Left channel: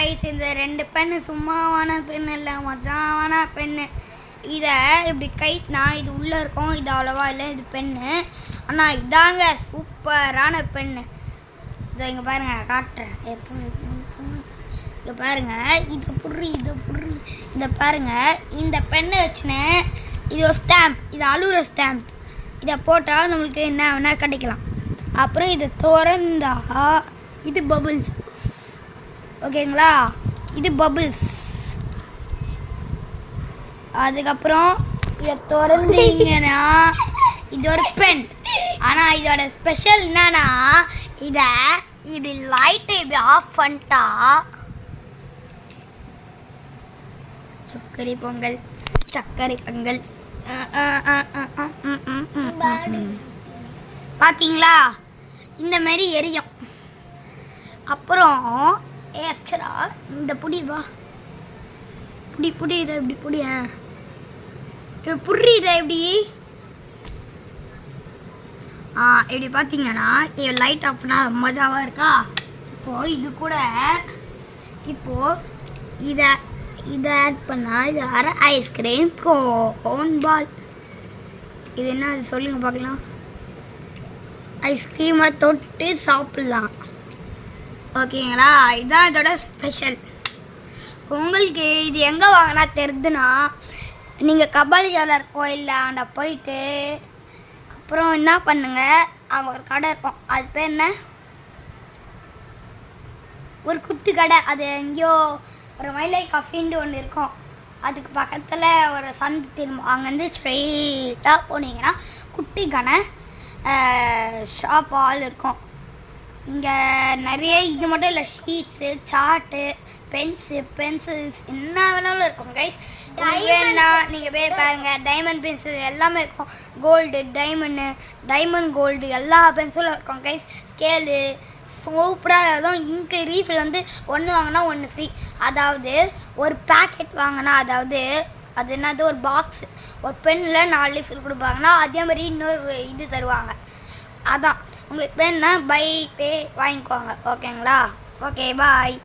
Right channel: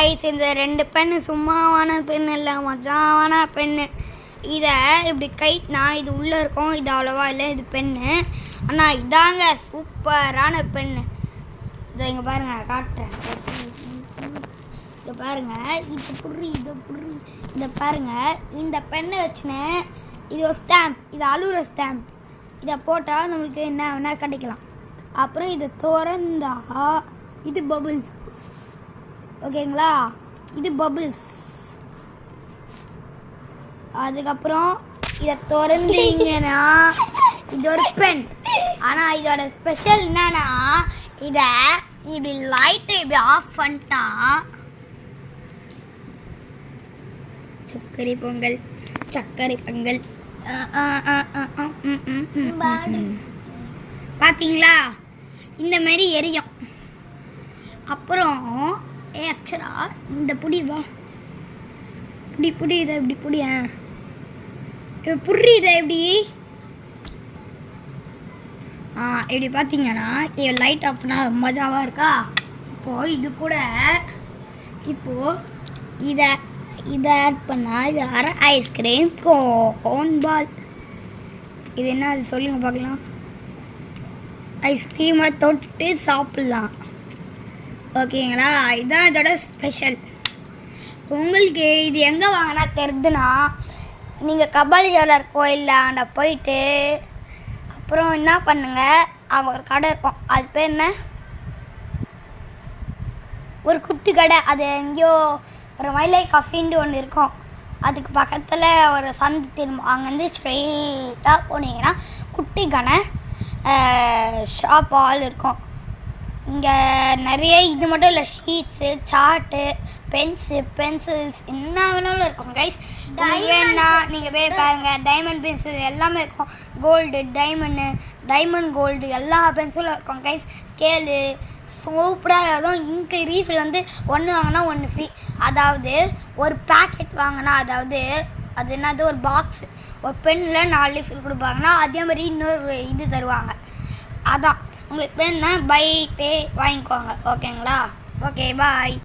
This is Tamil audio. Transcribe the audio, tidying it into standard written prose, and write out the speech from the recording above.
காய்ஸ், இந்த 2 பென்னு சும்மாவான பென்னு இல்லை, மஜாவான பென்னு. இதை இப்படி கைட்னா இது உள்ளே இருக்கும், இது அவ்வளோவா இல்லை, இது பென்னு. ஆனால் இதாங்க சூப்பரான பென்னு. இதை இங்கே பாருங்கள், காட்டுறேன். இங்கே பாருங்கள், இது புடுறி இந்த பாருங்கள், இந்த பெண்ணை வச்சுன்னு இது ஒரு ஸ்டாம்ப், இது அழுகிற ஸ்டாம்ப். இதை போட்டால் நம்மளுக்கு என்ன வேணால் கிடைக்கலாம். அப்புறம் இது திறந்தா இது பபிள்ஸ், ஓகேங்களா? இது பபிள்ஸ். அதுக்கப்புறம் இதை திறந்தீங்கன்னா இது ஒரு பென். ஆனால் இதோட ஸ்பெஷல் என்னன்னா, இதை இப்படி லைட்டை இப்படி ஆஃப் பண்ணிட்டா சர்க்கரை பொங்கல் பார்த்தீங்களா? இந்த மாதிரி எரியும். அப்புறம் ஆக்சுவலா இந்த புடி இதை இப்படி புடிய புரி இதை எப்படி இப்படி பார்த்தீங்கன்னா இது லைட் ஆஃப் பண்ணால் மஜாவாக இருக்கா? இப்போது இது கூட இதை ஆட் பண்ணால் இது அரை ஐஸ்கிரீம் கோன் பால். இது என்ன அது சொல்லுங்கள் பார்க்கலாம். ஐஸ்கிரீமை தொட்டு சாப்பிட்லாம், ஓகேங்களா? இதுதான் இதோட ஸ்பெஷல். உங்களுக்கு இது எங்கே வாங்கினா தெரியுதுன்னா, நீங்கள் கபாலீஸ்வரர் கோயிலாண்ட போயிட்டு அப்புறம் என்ன பண்ணுங்க, அங்கே ஒரு கடை இருக்கும். அது பேர் என்ன, ஒரு குட்டி கடை. அது எங்கேயோ ஒரு மயிலை கஃபின்னு ஒன்று இருக்கும். அதுக்கு பக்கத்தில் ஒரு சந்து திரும்ப, அங்கேருந்து ஸ்ட்ரெயிட்டாக போனீங்கன்னா குட்டி கடை ஷாப் ஆல் இருக்கும். இங்கே நிறைய இது மட்டும் இல்லை, ஷீட்ஸு, சார்ட்டு, பென்சில்ஸ் என்ன வேணாலும் இருக்கும் கைஸ். வேணா நீங்கள் போய் பாருங்கள், டைமண்ட் பென்சில் எல்லாமே இருக்கும். கோல்டு, டைமண்ட் கோல்டு எல்லா பென்சிலும் இருக்கும் கைஸ். ஸ்கேலு சூப்பராக இருக்கும். இங்கு ரீஃபில் வந்து 1 வாங்கினா 1 ஃப்ரீ. அதாவது ஒரு பேக்கெட் வாங்கினா, அதாவது அது என்னது, ஒரு பாக்ஸ், ஒரு பென்னில் 4 ரீஃபில் கொடுப்பாங்கன்னா அதே மாதிரி இன்னொரு இது தருவாங்க. அதான் உங்களுக்கு வேணுன்னா பை பே வாங்கிக்கோங்க, ஓகேங்களா? ஓகே, பாய்.